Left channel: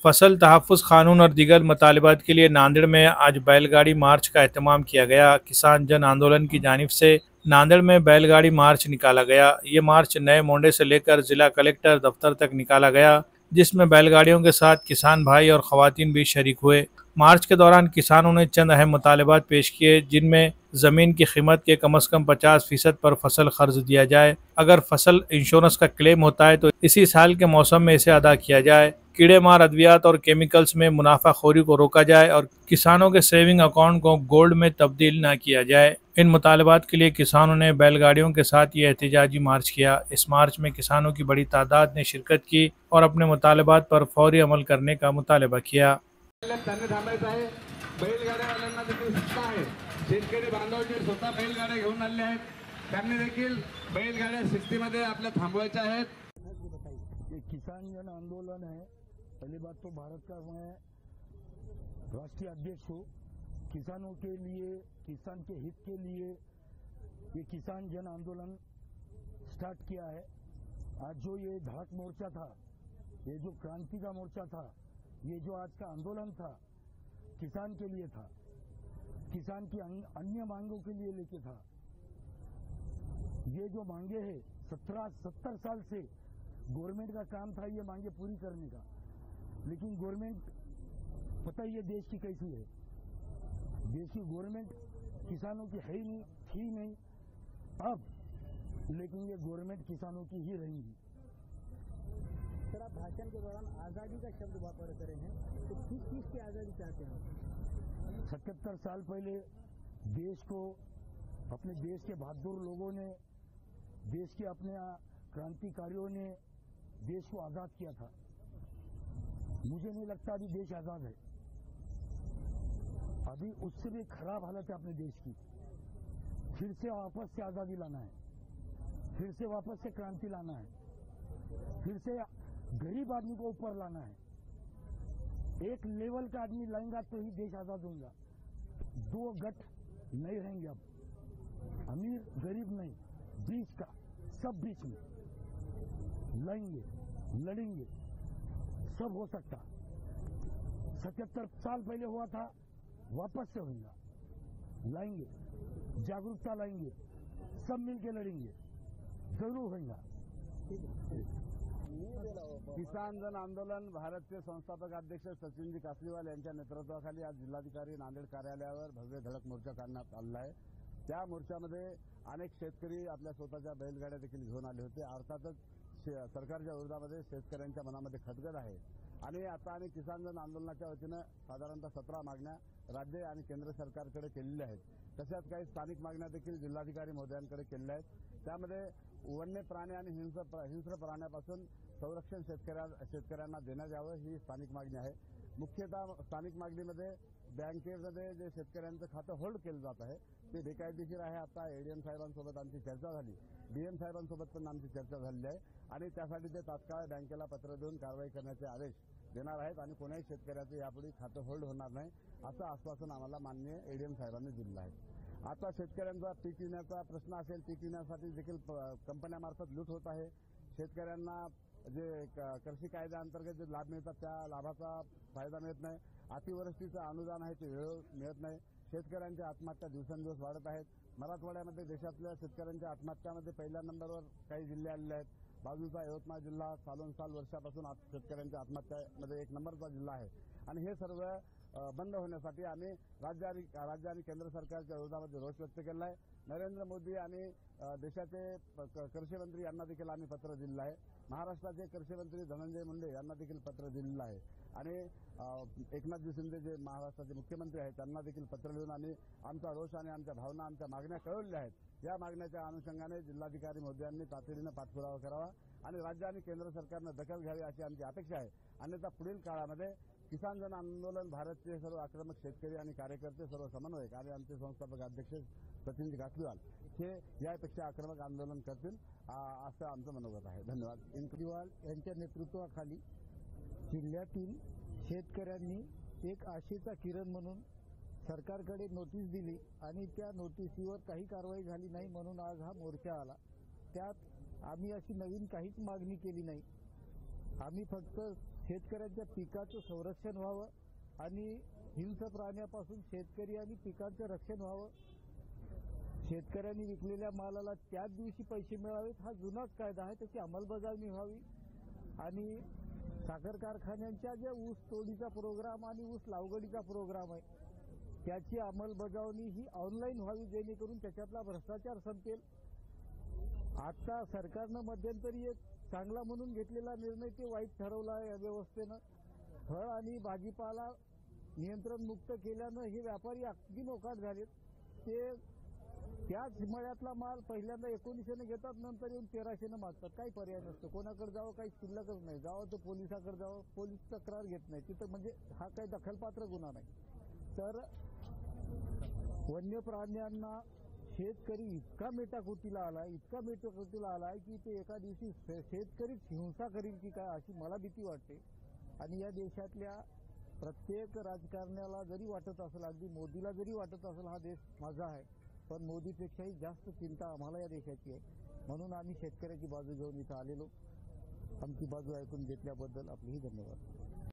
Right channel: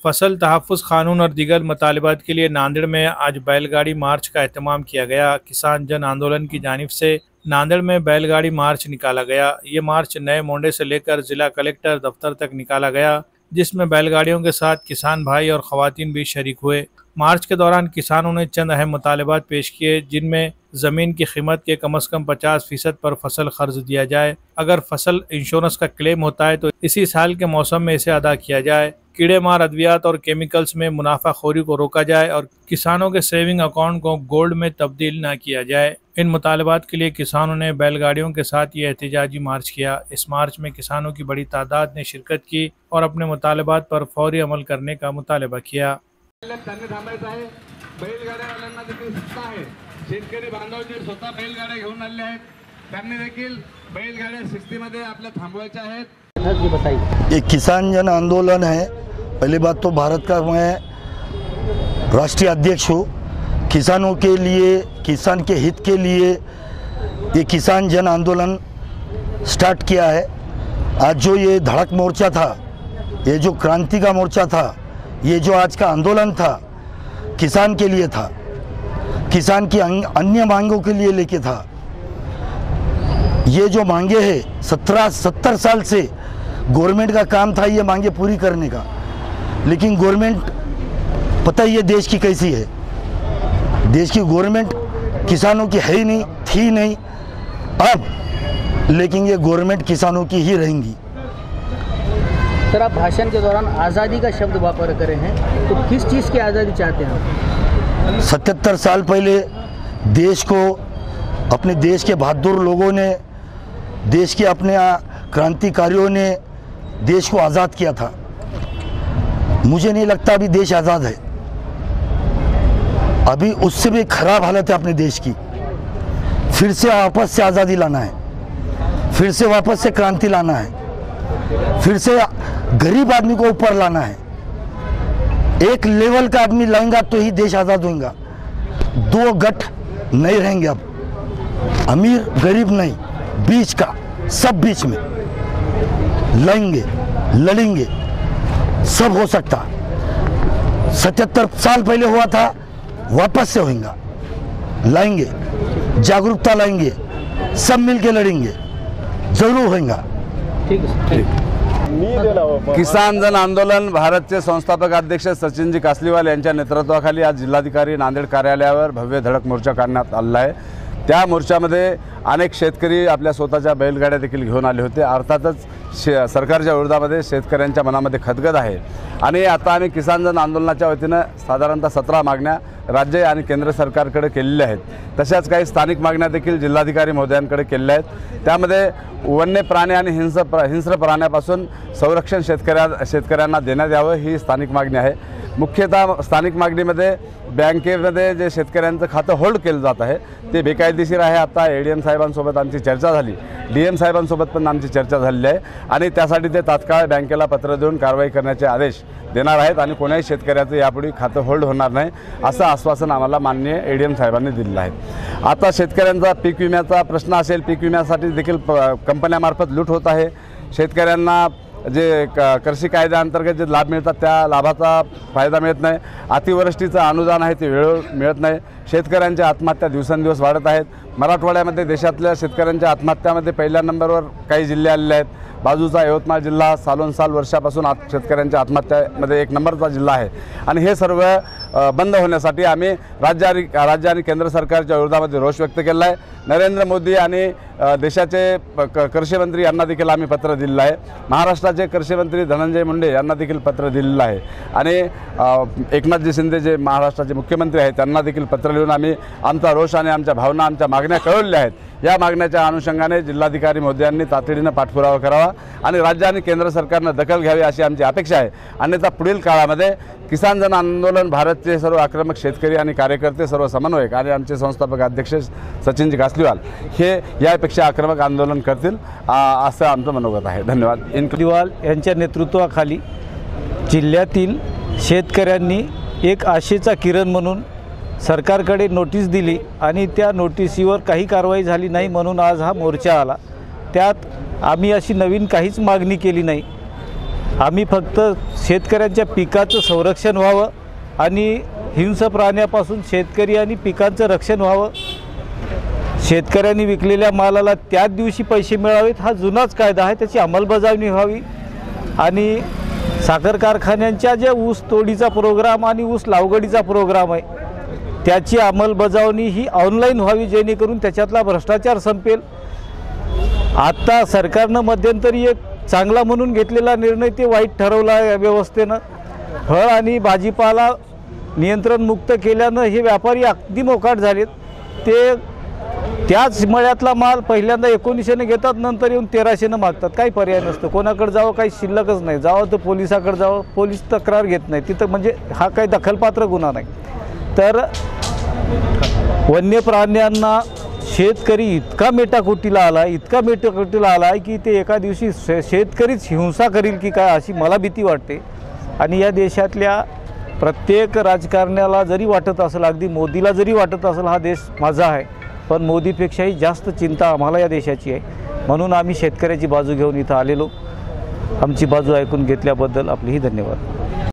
फसल तहफ़्फ़ुज़ क़ानून और दीगर मुतालबात के लिए नांदेड़ में आज बैलगाड़ी मार्च का एहतमाम किया गया। किसान जन आंदोलन की जानिब से नांदेड़ में बैलगाड़ी मार्च निकाला गया। ये मार्च नए मोंडे से लेकर जिला कलेक्टर दफ्तर तक निकाला गया, जिसमें बैलगाड़ियों के साथ किसान भाई और ख़वातीन भी शरीक हुए। मार्च के दौरान किसानों ने चंद अहम मुतालबात पेश किए, जिनमें ज़मीन की कीमत के कम से कम 50% पर फसल कर्ज दिया जाए। अगर फसल इंश्योरेंस का क्लेम होता है तो इसी साल के मौसम में इसे अदा किया जाए। कीड़े मार अद्वियात और केमिकल्स में मुनाफाखोरी को रोका जाए और किसानों के सेविंग अकाउंट को गोल्ड में तब्दील न किया जाए। इन मुतालबात के लिए किसानों ने बैलगाड़ियों के साथ ये एहतजाजी मार्च किया। इस मार्च में किसानों की बड़ी तादाद ने शिरकत की और अपने मुतालबात पर फौरी अमल करने का मुतालबा किया। बैलगाड्यावाल्यांना देखील सत्ता आहे। शेतकरी बांधव जे स्वतः बैलगाड्या घेऊन आले आहेत त्यांनी देखील बैलगाड्या शिस्तीमध्ये आपल्या थांबवायच्या आहेत। ये किसान जन आंदोलन है। पहली बात तो भारत का मैं राष्ट्रीय अध्यक्ष हूँ। किसानों के लिए, किसान के हित के लिए ये किसान जन आंदोलन स्टार्ट किया है। आज जो ये धड़क मोर्चा था, ये जो क्रांति का मोर्चा था, ये जो आज का आंदोलन था, किसान के लिए था, किसान की अन्य मांगों के लिए लेके था। ये जो मांगे हैं 70 साल से गवर्नमेंट का काम था ये मांगे पूरी करने का, लेकिन गवर्नमेंट पता ही है देश की कैसी है। देश की गवर्नमेंट किसानों की है ही नहीं, थी नहीं अब, लेकिन ये गवर्नमेंट किसानों की ही रहेंगी। सर, आप भाषण के दौरान आज़ादी का शब्द वापर करे हैं, तो किस चीज़ की आज़ादी चाहते हैं? 77 साल पहले देश को, अपने देश के बहादुर लोगों ने, देश के अपने क्रांतिकारियों ने देश को आज़ाद किया था। मुझे नहीं लगता अभी देश आज़ाद है। अभी उससे भी खराब हालत है अपने देश की। फिर से वापस से आज़ादी लाना है, फिर से वापस से क्रांति लाना है, फिर से गरीब आदमी को ऊपर लाना है। एक लेवल का आदमी लाएगा तो ही देश आज़ाद होगा। दो गठ नहीं रहेंगे अब, अमीर गरीब नहीं, बीच का सब बीच में लड़ेंगे, लड़ेंगे, सब हो सकता। 77 साल पहले हुआ था, वापस से होगा, लाएंगे, जागरूकता लाएंगे, सब मिलके लड़ेंगे, जरूर होगा। ठीक है। किसान जन आंदोलन भारतचे संस्थापक अध्यक्ष सचिनजी कासलीवाल यांच्या नेतृत्वाखाली आज जिल्हाधिकारी नांदेड कार्यालयावर भव्य धडक मोर्चा काढण्यात आला आहे। त्या मोर्चामध्ये अनेक शेतकरी आपल्या स्वतःच्या बैलगाड्या देखील घेऊन आले होते। अर्थातच सरकारच्या विरोधामध्ये शेतकऱ्यांच्या मनामध्ये खदगद आहे आणि आता आम्ही किसान जन आंदोलनाच्या वतीने साधारणतः 17 मागण्या राज्य आणि केंद्र सरकारकडे केलेल्या आहेत। तशाच काही स्थानिक मागण्या देखील जिल्हाधिकारी महोदयांकडे केलेल्या आहेत। त्यामध्ये वन्य प्राणी आणि हिंस्र प्राण्यापासून संरक्षण शेतकऱ्यांना देण्यात यावं ही स्थानिक मागणी आहे। मुख्यतः स्थानिक मागणीमध्ये बँकेमध्ये जे शेतकऱ्यांचं खातं होल्ड केलं जात आहे ते बेकायदेशीर आहे। आता एडीएम साहेबांसोबत आमची चर्चा झाली, डीएम साहेबांसोबत पण आमची चर्चा झालेली आहे आणि त्यासाठी ते तात्काळ बँकेला पत्र देऊन कारवाई करण्याचे आदेश देणार आहेत आणि कोणाही शेतकऱ्याचं यापुढे खातं होल्ड होणार नाही असं आश्वासन आम्हाला माननीय एडीएम साहेबांनी दिलेलं आहे। आता शेतकऱ्यांचा पीक विम्याचा प्रश्न असेल, पीक विम्यासाठी देखील कंपन्यांमार्फत लूट होत आहे। शेतकऱ्यांना जे कृषी कायद्याअंतर्गत जे लाभ मिळतात त्या लाभाचा फायदा मिळत नाही। अतिवृष्टीचं अनुदान आहे ते वेळेवर मिळत नाही। शेतकऱ्यांच्या आत्महत्या दिवसेंदिवस वाढत आहेत। मराठवाड्यामध्ये देशातल्या शेतकऱ्यांच्या आत्महत्यामध्ये पहिल्या नंबरवर काही जिल्हे आलेले आहेत। बाजूचा यवतमाळ जिल्हा साल वर्षापासून शेतकऱ्यांच्या आत्महत्यामध्ये 1 नंबरचा जिल्हा आहे आणि हे सर्व बंद होण्यासाठी आम्ही राज्य आणि केंद्र सरकारच्या विरोधामध्ये रोष व्यक्त केला आहे। नरेंद्र मोदी आणि देशाचे कृषी मंत्री यांना देखील आम्ही पत्र दिलेलं आहे। महाराष्ट्राचे कृषी मंत्री धनंजय मुंडे यांना देखील पत्र दिलेलं आहे आणि एकनाथजी शिंदे जे महाराष्ट्राचे मुख्यमंत्री आहेत त्यांना देखील पत्र लिहून आम्ही आमचा रोष आणि आमच्या भावना, आमच्या मागण्या कळवल्या आहेत। या मागण्याच्या अनुषंगाने जिल्हाधिकारी महोदयांनी तातडीने पाठपुरावा करावा आणि राज्य आणि केंद्र सरकारने दखल घ्यावी अशी आमची अपेक्षा आहे। अन्यथा पुढील काळामध्ये किसान जन आंदोलन भारतचे सर्व आक्रमक शेतकरी आणि कार्यकर्ते, सर्व समन्वयक आणि आमचे संस्थापक अध्यक्ष सचिनजी कासलीवाल हे यापेक्षा आक्रमक आंदोलन करतील असं आमचं मनोगत आहे। धन्यवाद। कासलीवाल यांच्या नेतृत्वाखाली जिल्ह्यातील शेतकऱ्यांनी एक आशेचा किरण म्हणून सरकारकडे नोटीस दिली आणि त्या नोटीसीवर काही कारवाई झाली नाही म्हणून आज हा मोर्चा आला। त्यात आम्ही अशी नवीन काहीच मागणी केली नाही। आम्ही फक्त शेतकऱ्यांच्या पिकाचं संरक्षण व्हावं आणि हिंस्र प्राण्यापासून शेतकरी आणि पिकांचं रक्षण व्हावं, शेतकऱ्यांनी विकलेल्या मालाला त्याच दिवशी पैसे मिळावेत हा जुनाच कायदा आहे, त्याची अंमलबजावणी व्हावी आणि साखर कारखान्यांच्या जे ऊस तोडीचा प्रोग्राम आणि ऊस लावगडीचा प्रोग्राम आहे त्याची अंमलबजावणी ही ऑनलाईन व्हावी, जेणेकरून त्याच्यातला भ्रष्टाचार संपेल। आता सरकारनं मध्यंतरी एक चांगला म्हणून घेतलेला निर्णय ते वाईट ठरवला आहे व्यवस्थेनं। फळ आणि भाजीपाला नियंत्रण मुक्त केल्यानं हे व्यापारी अगदी मोकाट झालेत। ते त्याच मळ्यातला माल पहिल्यांदा 1900ने घेतात, नंतर येऊन 1300ने मागतात। काही पर्याय नसतं, कोणाकडे जावं काही शिल्लकच नाही, जावं तर पोलिसाकडे जावं, पोलीस तक्रार घेत नाही तिथं, म्हणजे हा काही दखलपात्र गुन्हा नाही। तर वन्य प्राण्यांना शेतकरी इतका मेटाकुटीला आला की ते एका दिवशी शेतकरीच हिंसा करील की काय अशी मला भीती वाटते। आणि या देशातल्या प्रत्येक राजकारण्याला जरी वाटत असेल, अगदी मोदीला जरी वाटत असेल हा देश माझा आहे, पण मोदीपेक्षाही जास्त चिंता आम्हाला या देशाची आहे। म्हणून आम्ही शेतकऱ्याची बाजू घेऊन इथं आलेलो। आमची बाजू ऐकून घेतल्याबद्दल आपलेही धन्यवाद।